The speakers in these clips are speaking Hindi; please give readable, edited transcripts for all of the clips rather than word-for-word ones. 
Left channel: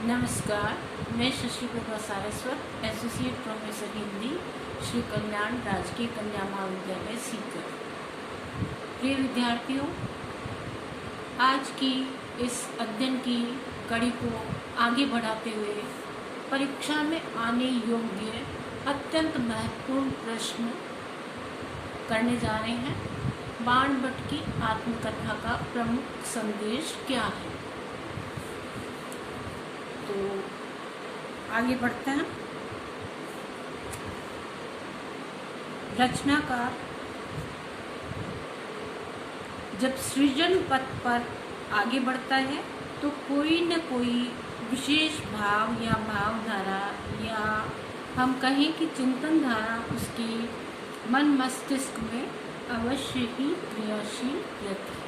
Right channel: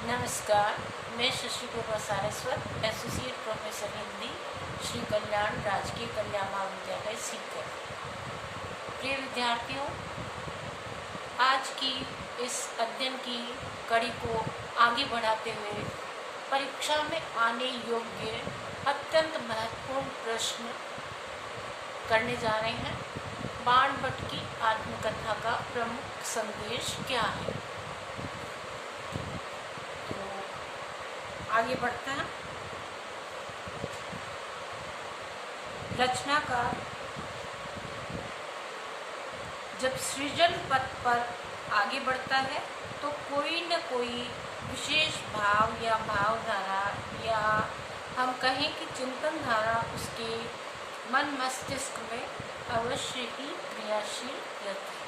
नमस्कार, मैं शशि प्रभा सारस्वत, एसोसिएट प्रोफेसर हिंदी, श्री कल्याण राजकीय कन्या महाविद्यालय सीकर। प्रिय विद्यार्थियों, आज की इस अध्ययन की कड़ी को आगे बढ़ाते हुए परीक्षा में आने योग्य अत्यंत महत्वपूर्ण प्रश्न करने जा रहे हैं। बाण भट्ट की आत्मकथा का प्रमुख संदेश क्या है? तो आगे बढ़ते हैं। रचनाकार जब सृजन पथ पर आगे बढ़ता है तो कोई न कोई विशेष भाव या भावधारा या हम कहें कि चिंतन धारा उसके मन मस्तिष्क में अवश्य ही क्रियाशील रहती है।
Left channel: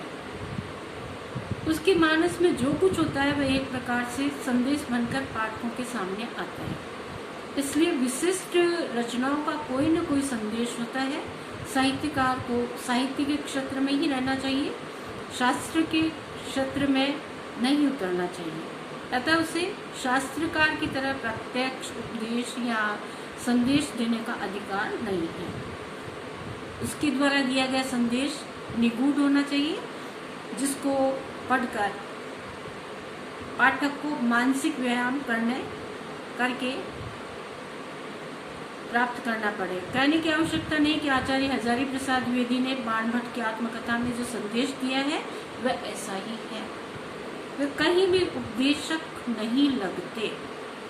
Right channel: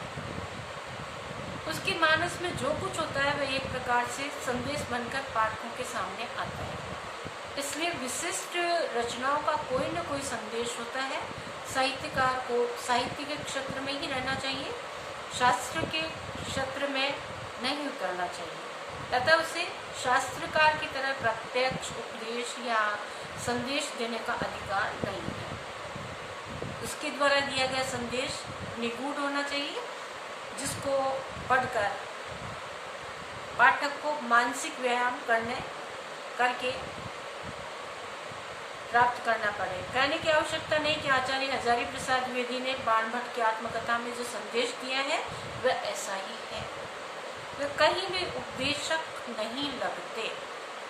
उसके मानस में जो कुछ होता है वह एक प्रकार से संदेश बनकर पाठकों के सामने आता है। इसलिए विशिष्ट रचनाओं का कोई न कोई संदेश होता है। साहित्यकार को साहित्य के क्षेत्र में ही रहना चाहिए, शास्त्र के क्षेत्र में नहीं उतरना चाहिए। अतः उसे शास्त्रकार की तरह प्रत्यक्ष उपदेश या संदेश देने का अधिकार नहीं है। उसके द्वारा दिया गया संदेश निगूढ़ होना चाहिए, जिसको पढ़कर पाठक को मानसिक व्यायाम करके प्राप्त करना पड़े। कहने की आवश्यकता नहीं कि आचार्य हजारी प्रसाद द्विवेदी ने बाण भट्ट की आत्मकथा में जो संदेश दिया है वह ऐसा ही है। वे कहीं भी उपदेशक नहीं लगते।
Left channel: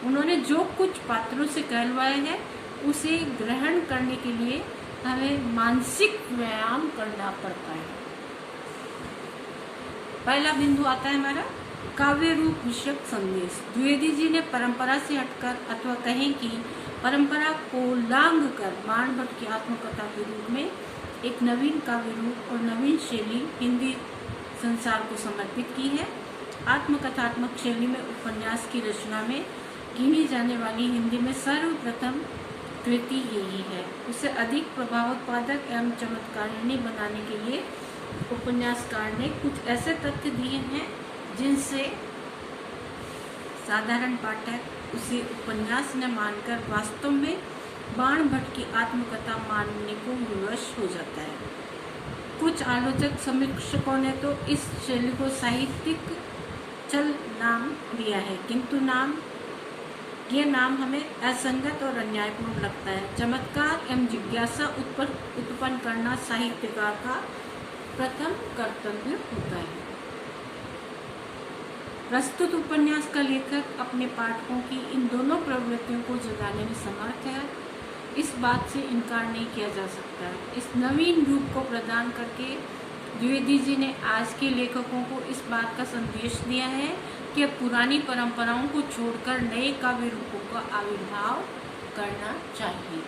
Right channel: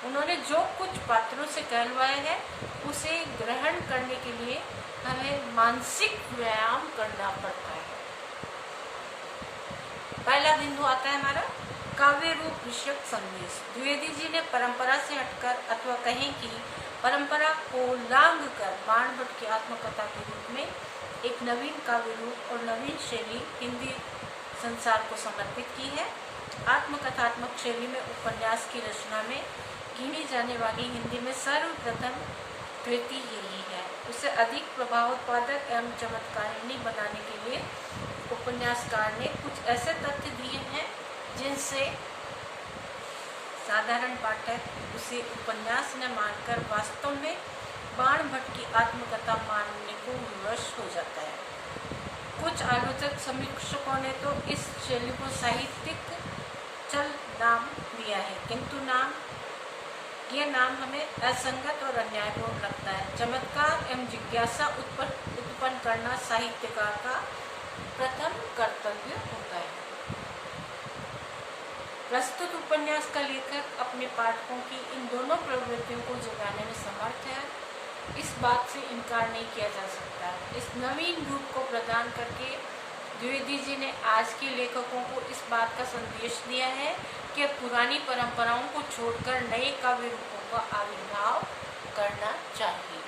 उन्होंने जो कुछ पात्रों से कहलवाया है उसे ग्रहण करने के लिए हमें मानसिक व्यायाम करना पड़ता है। पहला बिंदु आता है हमारा काव्य रूप विषयक संदेश। द्विवेदी जी ने परंपरा से हटकर अथवा कहें कि परंपरा को लांघ कर बाण भट्ट की आत्मकथा के रूप में एक नवीन काव्य रूप और नवीन शैली हिंदी संसार को समर्पित की है। आत्मकथात्मक शैली में उपन्यास की रचना में गिनी जाने वाली हिंदी में सर्वप्रथम कृति यही है। उसे अधिक प्रभावोत्पादक एवं चमत्कारिणी बनाने के लिए उपन्यासकार ने कुछ ऐसे तथ्य दिए हैं जिनसे साधारण पाठक उसे उपन्यास न मानकर वास्तव में बाण भट्ट की आत्मकथा मानने को विवश हो जाता है। कुछ आलोचक समीक्षकों ने तो इस शैली को साहित्यिक चल नाम दिया है, किंतु यह नाम हमें असंगत और अन्यायपूर्ण लगता है। चमत्कार एवं जिज्ञासा उत्पन्न करना साहित्यकार का प्रथम कर्तव्य होता है। प्रस्तुत उपन्यास का लेखक अपने पाठकों की इन दोनों प्रवृत्तियों को जगाने में समर्थ है, इस बात से इनकार नहीं किया जा सकता है। इस नवीन रूप को प्रदान करके द्विवेदी जी ने आज के लेखकों को इस बात का संदेश दिया है कि पुरानी परंपराओं को छोड़कर नए काव्य रूपों का आविर्भाव करना चाहिए।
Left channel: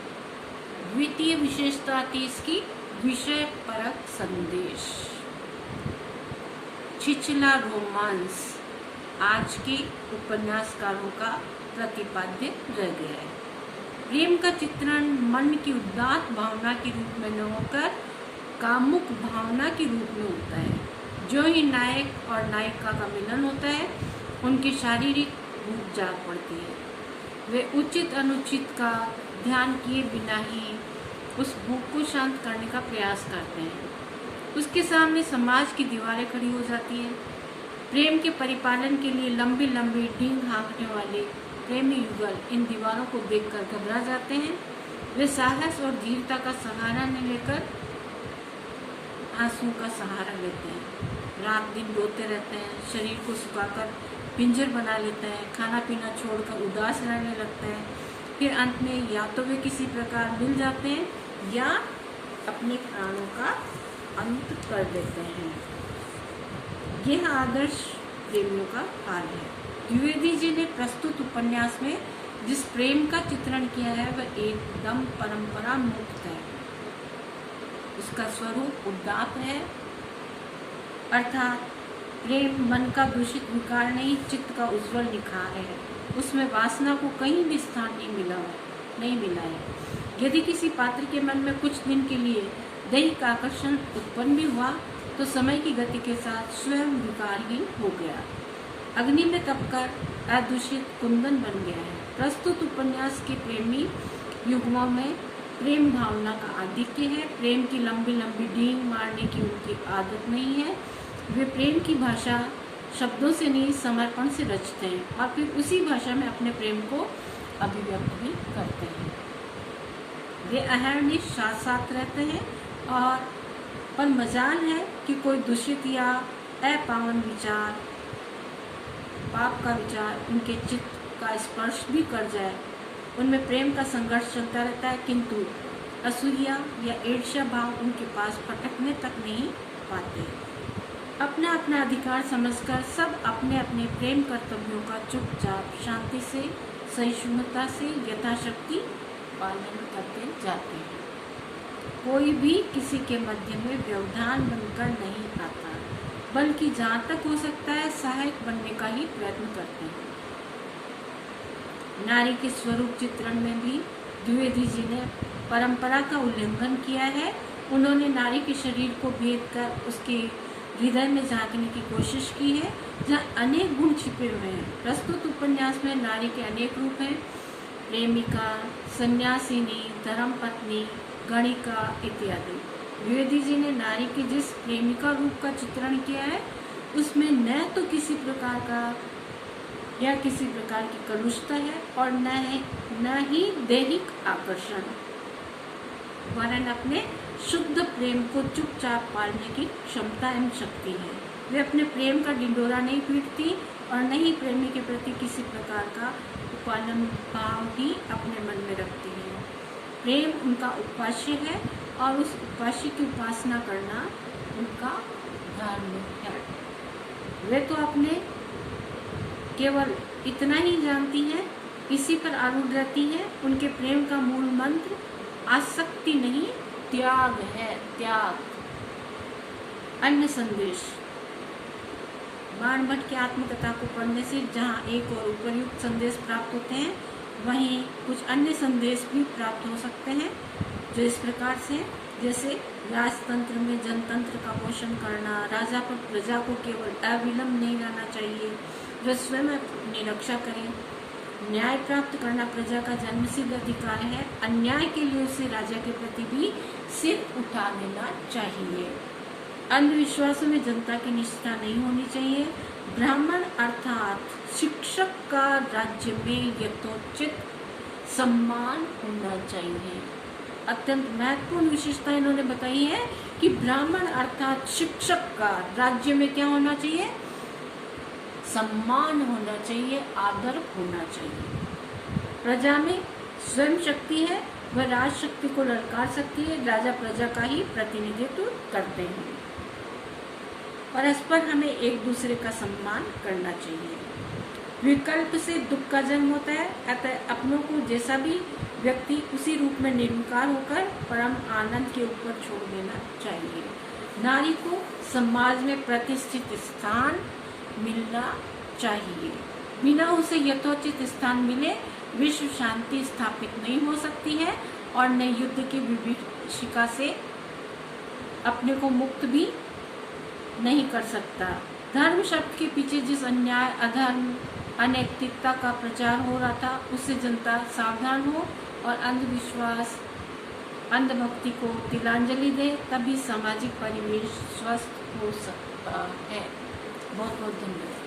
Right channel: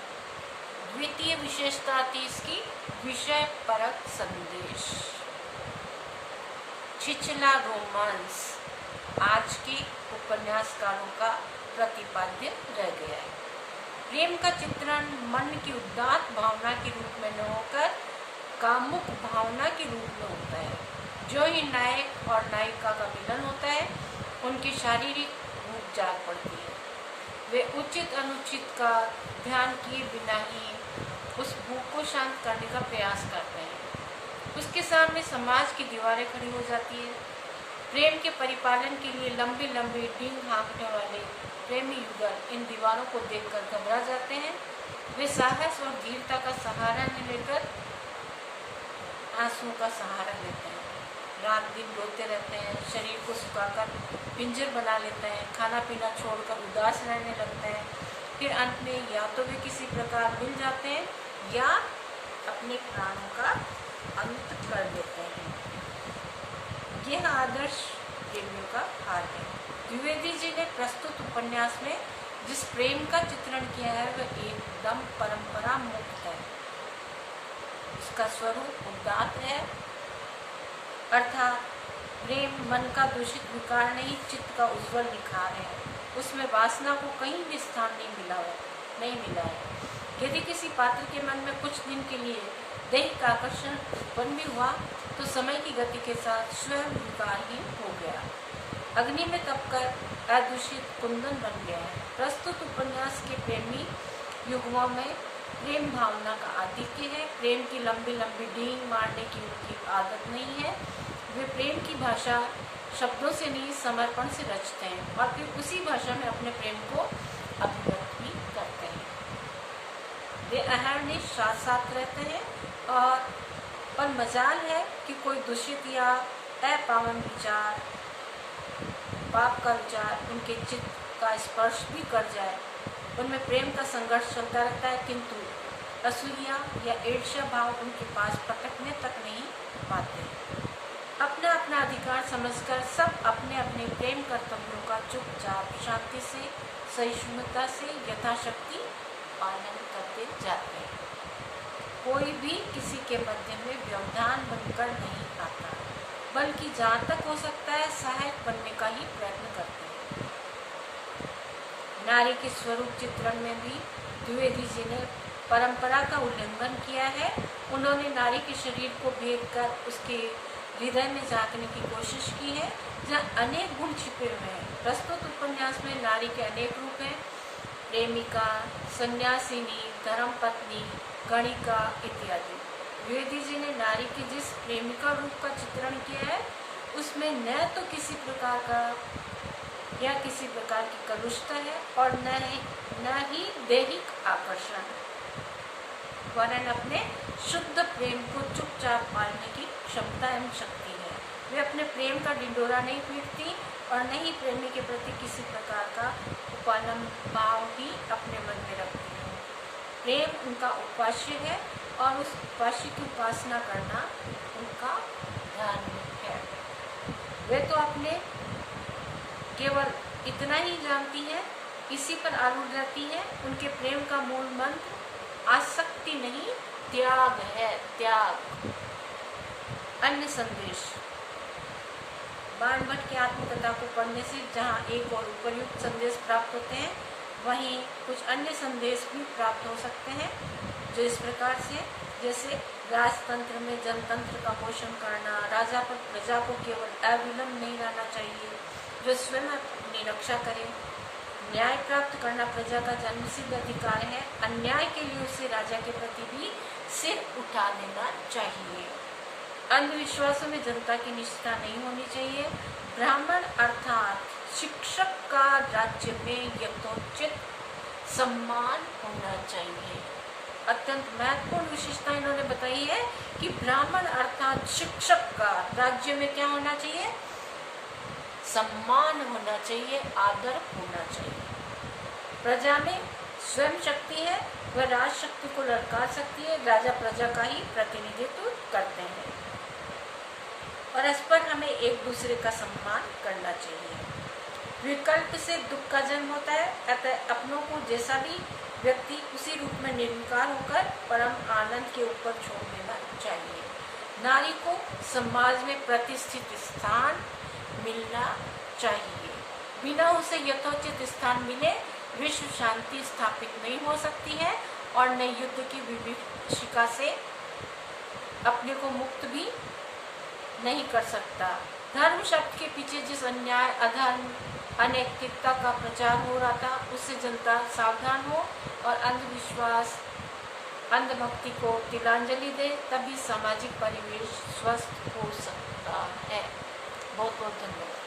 द्वितीय विशेषता थी इसकी विषय परक संदेश। छिछला रोमांस आज के उपन्यासकारों का प्रतिपाद्य रह गया है। प्रेम का चित्रण मन की उदात्त भावना के रूप में न होकर कामुक भावना के रूप में होता है। जो ही नायक और नायिका का मिलन होता है उनकी शारीरिक भूख जाग पड़ती है। वे उचित अनुचित का ध्यान किए बिना ही उस भूख को शांत करने का प्रयास करते हैं। उसके सामने समाज की दीवारें खड़ी हो जाती है। प्रेम के परिपालन के लिए लंबी लंबी डींग हाँकने वाले प्रेमी युगल इन दीवारों को देखकर घबरा जाते हैं। वे साहस और धीरता का सहारा न लेकर आंसुओं का सहारा लेते हैं। रात दिन रोते रहते हैं, शरीर को सुखाकर पिंजर बना लेते हैं, खाना पीना छोड़कर उदास रहने लगते हैं। फिर अंत में या तो वे किसी प्रकार मिल जाते हैं या अपने प्राणों का अंत कर देते हैं। यह आदर्श प्रेमियों का हाल है। द्विवेदी जी ने प्रस्तुत उपन्यास में जिस प्रेम का चित्रण किया है वह एकदम परंपरा मुक्त है। उसका स्वरूप उदात्त है, अर्थात प्रेम मन का दूषित विकार नहीं, चित्त का उज्जवल निखार है। उसमें वासना को कहीं भी स्थान नहीं मिला है। यदि किसी पात्र के मन में कुछ दिन के लिए दैहिक आकर्षण उत्पन्न भी हुआ तो समय की गति के साथ स्वयं विकारहीन हो गया। अग्नि में तपकर अदूषित कुंदन बन गया है। प्रस्तुत उपन्यास के प्रेमी युगलों में प्रेम भावना का आधिक्य है। प्रेम की लंबी लंबी डींग मारने की उनकी आदत नहीं है। वे प्रेम की भाषा शब्दों से नहीं समर्पण से रचते हैं और फिर उसी भाषा में अपने प्रेम को अभिव्यक्त भी करते हैं। वे अहरनिश साथ साथ रहते हैं और पर मजाल है कि कोई दूषित या अपावन विचार, पाप का विचार उनके चित्त का स्पर्श भी कर जाए। उनमें प्रेम का संघर्ष चलता रहता है, किंतु असूया या ईर्ष्या भाव उनके पास फटकने तक नहीं पाते। अपना अपना अधिकार समझकर सब अपने अपने प्रेम कर्तव्यों का चुपचाप शांति से सहिष्णुता से यथाशक्ति पालन करते जाते हैं। कोई भी किसी के मध्य में व्यवधान बनकर नहीं आता, बल्कि जहाँ तक हो सकता है सहायक बनने का ही प्रयत्न करते हैं। नारी के स्वरूप चित्रण में भी द्विवेदी जी ने परंपरा का उल्लंघन किया है। उन्होंने नारी के शरीर को भेद कर उसके हृदय में झांकने की कोशिश की है, जहाँ अनेक गुण छिपे हुए हैं। प्रस्तुत उपन्यास में नारी के अनेक रूप हैं, प्रेमिका, सन्यासिनी, धर्मपत्नी, गणिका इत्यादि। द्विवेदी जी ने नारी के जिस प्रेमिका रूप का चित्रण किया है उसमें न तो किसी प्रकार का या किसी प्रकार की कलुषता है और न ही दैहिक आकर्षण, वरन अपने शुद्ध प्रेम को चुपचाप पालने की क्षमता एवं शक्ति है। वे अपने प्रेम का ढिंढोरा नहीं पीटती और न ही प्रेमी के प्रति किसी प्रकार का उपालम भाव ही अपने मन में रखती है। प्रेम उनका उपास्य है और उस उपास्य की उपासना करना उनका धार्मिक है। वे तो अपने केवल इतना ही जानती हैं, इसी पर आरूढ़ रहती हैं। उनके प्रेम का मूल मंत्र आसक्ति नहीं, त्याग है, त्याग। अन्य संदेश। बाणभट्ट की आत्मकथा को पढ़ने से जहाँ एक और उपयुक्त संदेश प्राप्त होते हैं, वहीं कुछ अन्य संदेश भी प्राप्त हो सकते हैं, जो इस प्रकार से, जैसे राजतंत्र में जनतंत्र का पोषण करना, राजा पर प्रजा को केवल अविलंब नहीं रहना चाहिए, जो स्वयं अपनी रक्षा करे, न्याय प्राप्त करना प्रजा का जन्मसिद्ध अधिकार है, अन्याय के लिए उसे राजा के प्रति भी सिर उठा लेना चाहिए, अंधविश्वासों में जनता की निष्ठा नहीं होनी चाहिए, ब्राह्मण अर्थात शिक्षक का राज्य में यथोचित सम्मान होना चाहिए। अत्यंत महत्वपूर्ण विशेषता इन्होंने बताई है कि ब्राह्मण अर्थात शिक्षक का राज्य में क्या होना चाहिए, सम्मान होना चाहिए, आदर होना चाहिए। प्रजा में स्वयं शक्ति है, वह राज शक्ति को ललकार सकती है, राजा प्रजा का ही प्रतिनिधित्व करते हैं, परस्पर हमें एक दूसरे का सम्मान करना चाहिए। विकल्प से दुख का जन्म होता है, अतः अपनों को जैसा भी व्यक्ति उसी रूप में निर्विकार होकर परम आनंद के ऊपर छोड़ देना चाहिए। नारी को समाज में प्रतिष्ठित स्थान मिलना चाहिए, बिना उसे यथोचित स्थान मिले विश्व शांति स्थापित नहीं हो सकती है और न युद्ध की विभीषिका से अपने को मुक्त भी नहीं कर सकता। धर्म शब्द के पीछे जिस अन्याय, अधर्म, अनैतिकता का प्रचार हो रहा था, उससे जनता सावधान हो और अंधविश्वास, अंधभक्ति को तिलांजलि दे, तभी सामाजिक परिवेश स्वस्थ हो सकता है। बहुत बहुत धन्यवाद।